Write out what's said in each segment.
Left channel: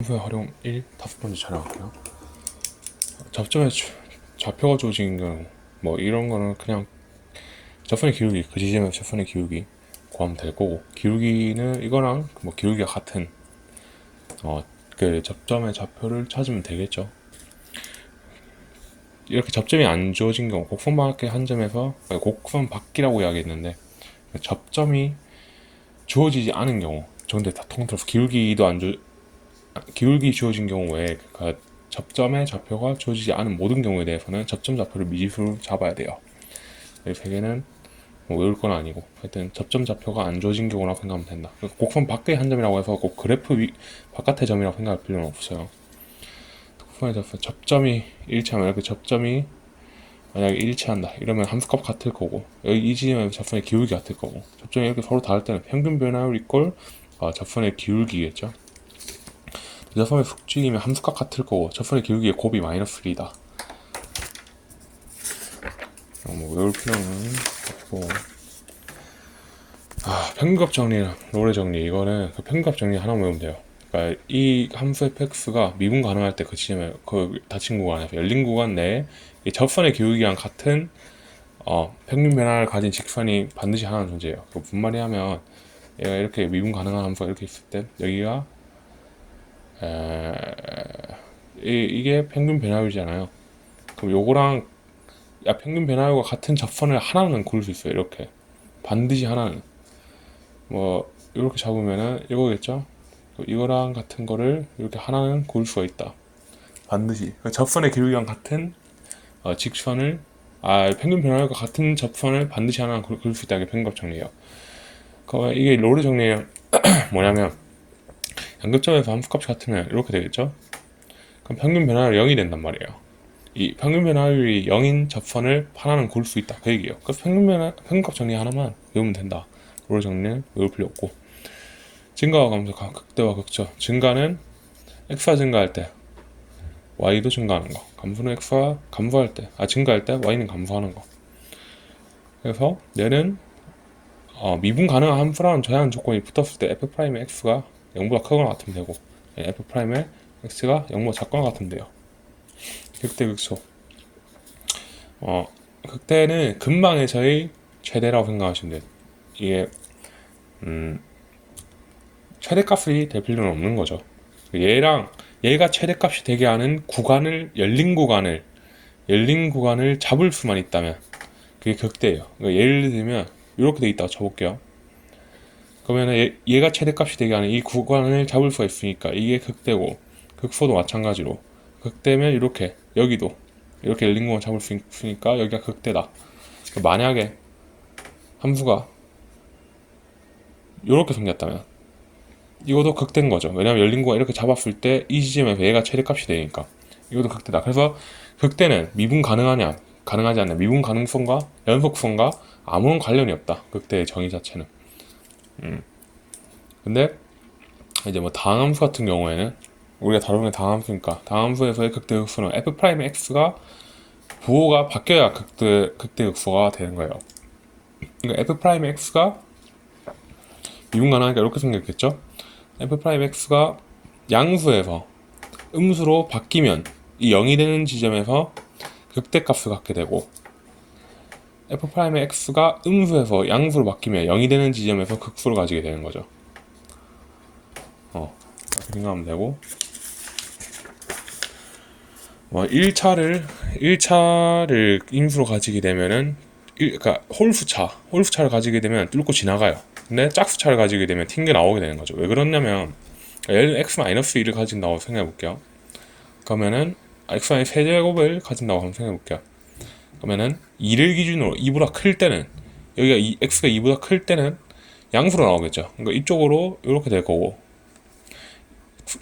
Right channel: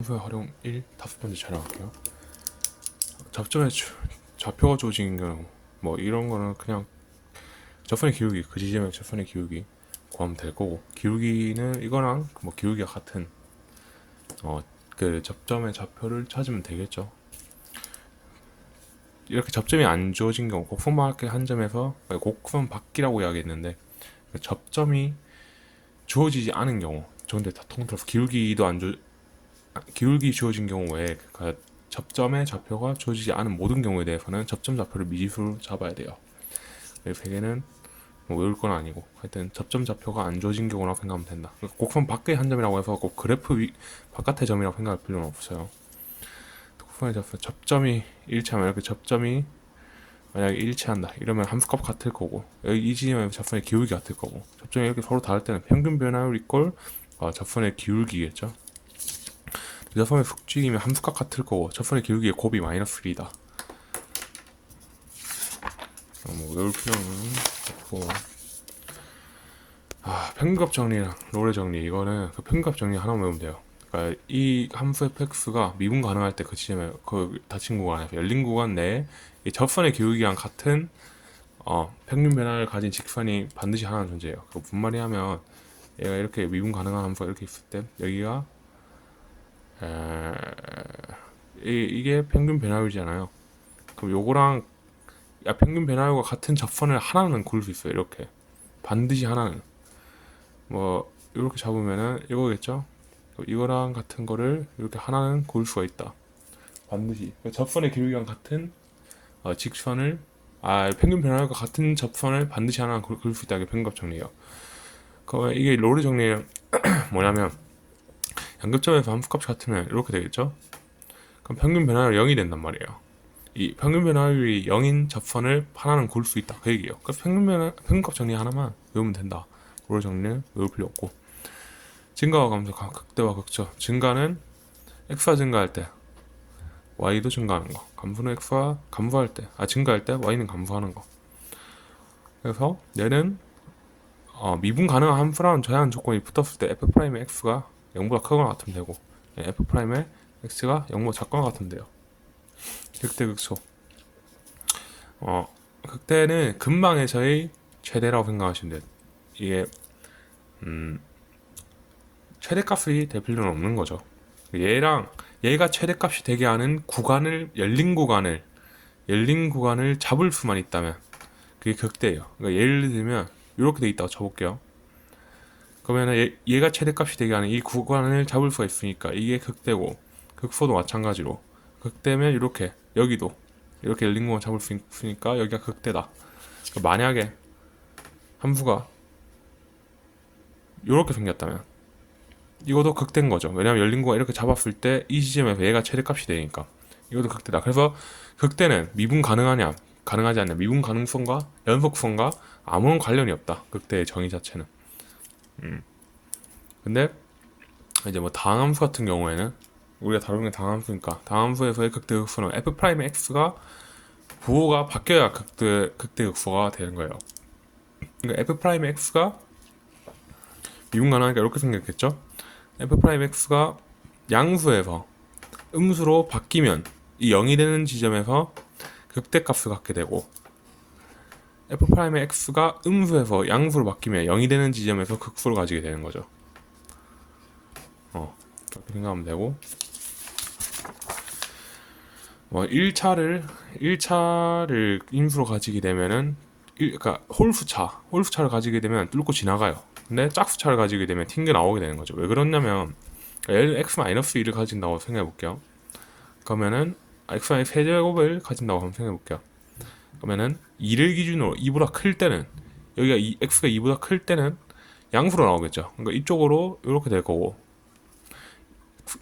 함수의 활용 1 다섯 번째 촬영할게요. 접점에 좌표가 주어진 경우 뭐 이런 거는 그냥 접선의 기울기 그 지점의 접선의 기울기 구하면 될 거고, 기울기는 이거랑 뭐 기울기가 같은 그 접점의 좌표를 찾으면 되겠죠. 이렇게 접점이 안 주어진 경우 곡선 밖의 한 점에서 곡선 밖이라고 이야기했는데, 접점이 주어지지 않은 경우 정도 다 통틀어서 기울기 주어진 경우에 그 접점의 좌표가 주어지지 않은 모든 경우에 대해서는 접점 좌표를 미지수로 잡아야 돼요. 이 세 개는 뭐 외울 건 아니고, 하여튼 접점 좌표가 안 주어진 경우라고 생각하면 된다. 곡선 밖의 한 점이라고 해서 꼭 그래프 바깥의 점이라고 생각할 필요는 없어요. 곡선의 접점이 일치하면, 이렇게 접점이 만약에 일치한다 이러면 함수값 같을 거고, 여기 이 지점의 접선의 기울기 같을 거고, 접점이 이렇게 서로 다를 때는 평균 변화율 이꼴 접선의 기울기겠죠. 접선의 숙직이면 함수값 같을 거고, 접선의 기울기의 곱이 마이너스 1이다. 뭐 외울 필요는 없고. 평균값 정리랑 롤의 정리, 이거는 그 평균값 정리 하나만 외우면 돼요. 그러니까 이 함수 fx가 미분 가능할 때 그 지점에 그 닫힌 구간에서 열린 구간 내에 이 접선의 기울기랑 같은 평균 변화를 가진 직선이 반드시 하나는 존재해요. 그 무슨 말이 하면, 얘가 이렇게 미분 가능한 함수가 이렇게 있을 때 여기가 이게 평균 변화율이잖아요. 그럼 요거랑 평균 변화율과 같은 접선을 하나는 그을 수 있어요. 이렇게 반드시 하나는 뭐 이렇게 잡으면은 이거겠죠. 이거랑 같은 거를 이렇게 하나는 그을 수가 있다. 반드시 접선의 기울기랑 같은 직선을 평균 변화율과 같은 접선을 반드시 하나는 그을 수 있다는 게 평균값 정리예요. 그러면 이게 롤의 정리는 뭐냐면, 양극점에서 함수값이 같으면 이렇게 되겠죠. 그럼 평균 변화율이 0이 된단 말이에요. 이 평균 변화율이 0인 접선을 하나는 고를 수 있다, 그 얘기예요. 그래서 평균값 정리 하나만 외우면 된다. 롤 정리는 외울 필요 없고, 증가와 감소, 극대와 극저. 증가는 x가 증가할 때 y도 증가하는 거, 감소는 x가 감소할 때 증가할 때 y는 감소하는 거. 그래서 얘는 미분 가능한 함수라는 제한 조건이 붙었을 때 f'의 x가 0보다 크거나 같으면 되고, f'의 x가 0보다 작거나 같으면 돼요. 극대 극소. 극대는 근방에서의 최대라고 생각하시면 돼요. 이게 최대값이 될 필요는 없는 거죠. 얘가 최대값이 되게 하는 구간을, 열린 구간을 잡을 수만 있다면 그게 극대예요. 그러니까 예를 들면 이렇게 돼 있다고 쳐볼게요. 그러면 얘가 최대값이 되게 하는 이 구간을 잡을 수가 있으니까 이게 극대고, 극소도 마찬가지로 극대면 여기도 이렇게 열린 구간 잡을 수 있으니까 여기가 극대다. 만약에 함수가 이렇게 생겼다면 이것도 극대인 거죠. 왜냐면 열린 구간 이렇게 잡았을 때 이 지점에서 얘가 최대값이 되니까 이것도 극대다. 그래서 극대는 미분 가능하냐 가능하지 않냐, 미분 가능성과 연속성과 아무런 관련이 없다, 극대의 정의 자체는. 근데 이제 뭐 다항함수 같은 경우에는, 우리가 다루는 다항함수니까, 다항함수에서의 극대 극소는 f'x가 부호가 바뀌어야 극대 극소가 되는 거예요. 그러니까 f'x가 미분 가능하니까 이렇게 생겼겠죠. f'x가 양수에서 음수로 바뀌면 이 0이 되는 지점에서 극대값을 갖게 되고, f'x가 음수에서 양수로 바뀌면 0이 되는 지점에서 극수를 가지게 되는 거죠. 이렇게 생각하면 되고, 뭐 1차를 인수로 가지게 되면은 그러니까 홀수차를 가지게 되면 뚫고 지나가요. 근데 짝수차를 가지게 되면 튕겨 나오게 되는 거죠. 왜 그러냐면, 예를 들어 x-1을 가진다고 생각해 볼게요. 그러면은 x-1 세제곱을 가진다고 한번 생각해 볼게요. 그러면은 2를 기준으로 2보다 클 때는, 여기가 x가 2보다 클 때는 양수로 나오겠죠. 그러니까 이쪽으로 이렇게 될 거고,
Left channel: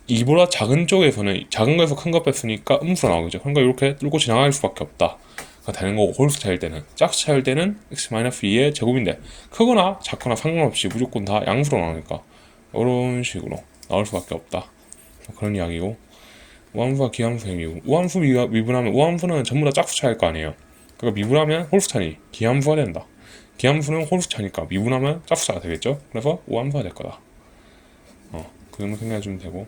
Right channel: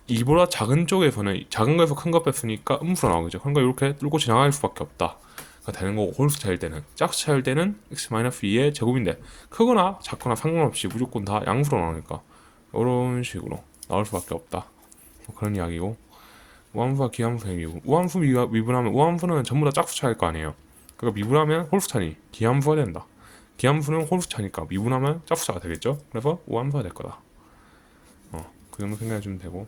2보다 작은 쪽에서는 작은 거에서 큰 거 뺐으니까 음수로 나오겠죠. 그러니까 이렇게 뚫고 지나갈 수밖에 없다 되는 거고, 홀수 차일 때는, 짝수 차일 때는 x-2의 제곱인데 크거나 작거나 상관없이 무조건 다 양수로 나오니까 이런 식으로 나올 수밖에 없다, 그런 이야기고. 우함수와 기함수의 미분, 우함수 미분하면, 우함수는 전부 다 짝수 차일 거 아니에요. 그러니까 미분하면 홀수 차니 기함수가 된다. 기함수는 홀수 차니까 미분하면 짝수 차가 되겠죠. 그래서 우함수가 될 거다. 그 정도 생각해 주면 되고,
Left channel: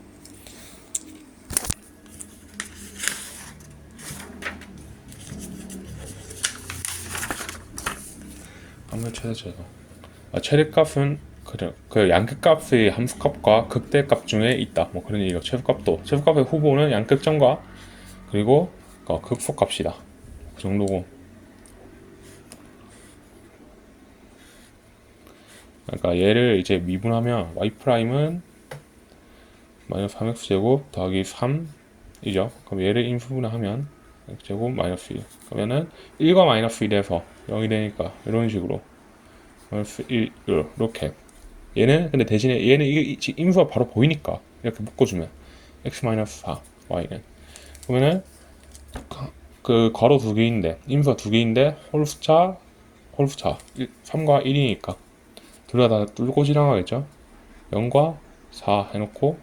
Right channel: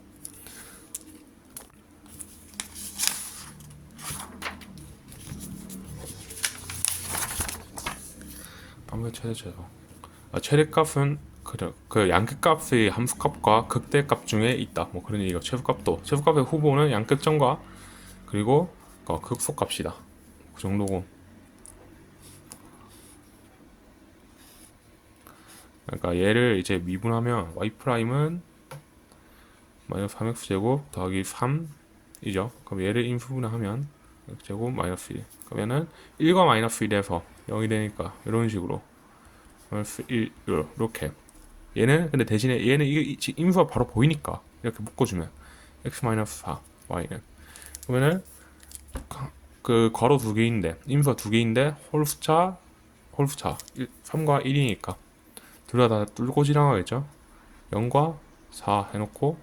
최대값. 최대값은 그 양끝값의 함수값과 극대값 중에 있다. 뭐 그런 얘기가 최소값의 후보는 양끝점과 그리고 극소값이다. 그 정도고. 그러니까 얘를 이제 미분하면 y 프라임은 마이너스 3x제곱 더하기 3이죠. 그럼 얘를 인수분해 하면 x제곱 마이너스 1. 그러면은 1과 마이너스 1에서 0이 되니까 이런 식으로 마이너스 1 이렇게. 얘는 근데 대신에 얘는 이게 인수가 바로 보이니까 이렇게 묶어주면 x 마이너스 4 y는 그러면은 그 괄호 두 개인데 인수가 두 개인데 홀수차 3과 1이니까 둘 다 뚫고 지나가겠죠. 0과 4 해놓고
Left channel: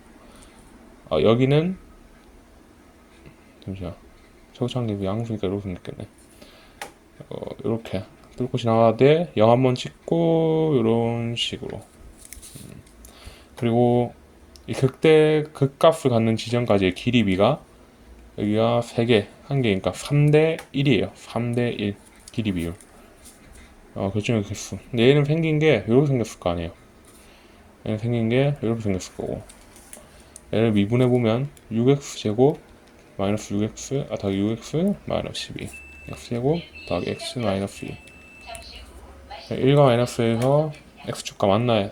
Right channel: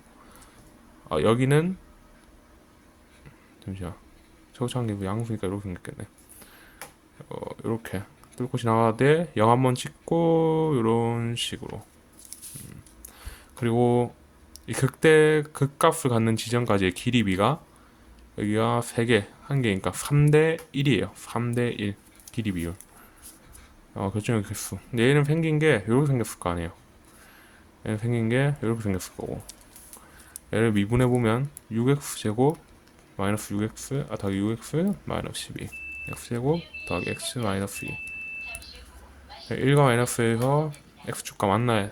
여기는 잠시만 초창기 양수니까 이렇게 생겼겠네. 이렇게 뚫고 지나가되 0 한번 찍고 이런 식으로. 그리고 이 극값을 갖는 지점까지의 길이비가 여기가 3개, 1개니까 3대 1이에요. 3대 1 길이 비율. 결정의 개수. 근데 얘는 생긴 게 이렇게 생겼을 거 아니에요. 얘는 생긴 게 이렇게 생겼을 거고. 얘를 미분해 보면 6x 제곱 마이너스 6x 더하기 6x 마이너스 12 x 제곱 더하기 x 마이너스 2. 1과 마이너스에서 x축과 만나요.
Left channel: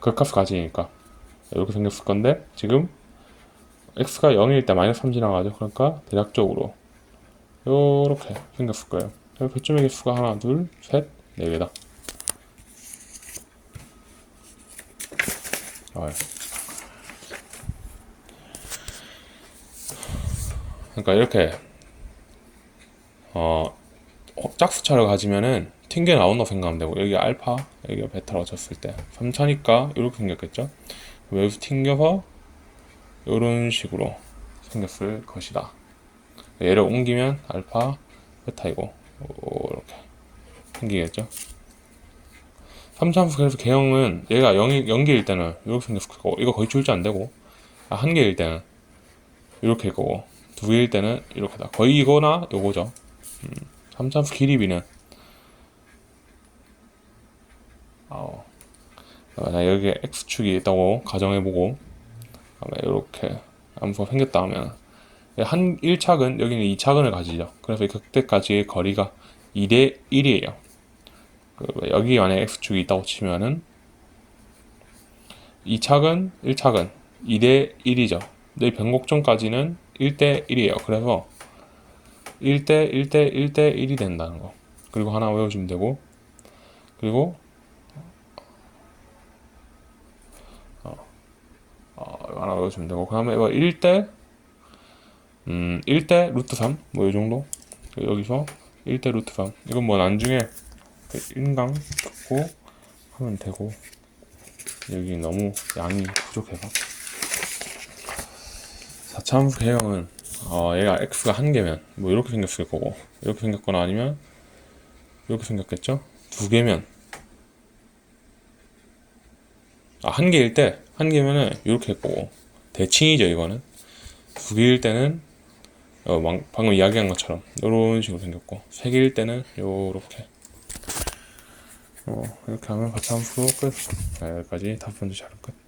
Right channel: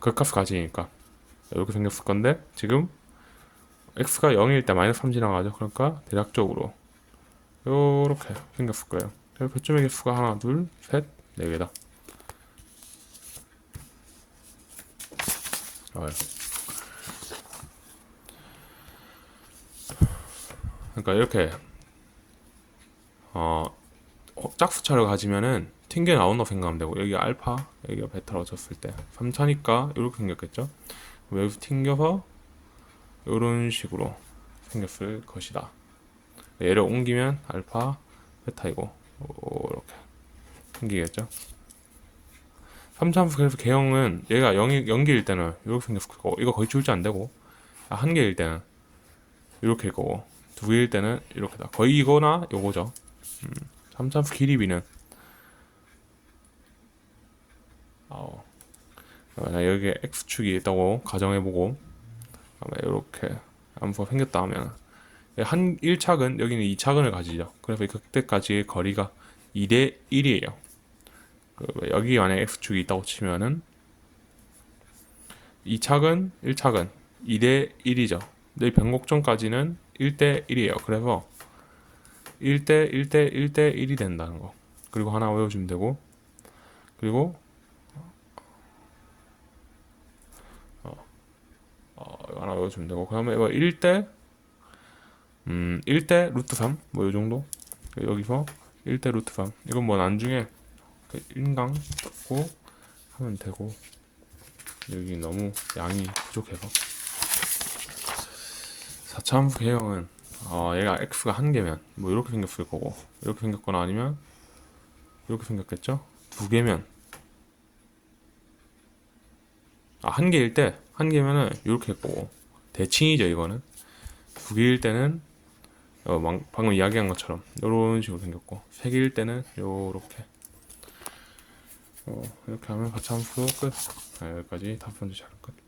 극값을 가지니까 이렇게 생겼을 건데 지금 x가 0일 때 마이너스 3 지나가죠. 그러니까 대략적으로 이렇게 생겼을 거예요. 교점의 개수가 하나, 둘, 셋, 4개다. 그러니까 이렇게 짝수차를 가지면은 튕겨 나온다고 생각하면 되고 여기 알파, 여기가 베타로 쳤을 때 3차니까 이렇게 생겼겠죠. 여기서 튕겨서 이런 식으로 생겼을 것이다. 얘를 옮기면 알파, 베타이고 이렇게 생기겠죠. 3차함수 그래서 개형은 얘가 0개일 때는 이렇게 생겼을 거고 이거 거의 출제 안 되고 1개일 때는 이렇게 일 거고 2개일 때는 이렇게다. 거의 이거나 요거죠. 3차함수 길이비는 만약 여기에 x축이 있다고 가정해보고 이렇게 함수가 생겼다 하면 1차근 여기는 2차근을 가지죠. 그래서 그때까지의 거리가 2대 1이에요. 여기 안에 x축이 있다고 치면은 2차근, 1차근 2대 1이죠. 근데 변곡점까지는 1대 1이에요. 그래서 1대 1대 1대 1이 된다는 거. 그리고 하나 외워주면 되고 그리고 하나 외워주면 되고 그 다음에 1대 1대 루트 3 뭐 요정도. 여기서 1대 루트 3 이건 뭐 나중에 인강 듣고 하면 되고 여기 너무 양이 부족해서 4차함수 개형을 얘가 x가 1개면 뭐 이렇게 생겼을 거고 이렇게 생겼거나 아니면 이렇게 생겼겠죠. 2개면 1개일 때 1개면은 이렇게 했고 대칭이죠. 이거는 2개일 때는 방금 이야기한 것처럼 이런 식으로 생겼고 3개일 때는 요렇게 이렇게 하면 4차함수 끝. 여기까지 5번째 자료 끝.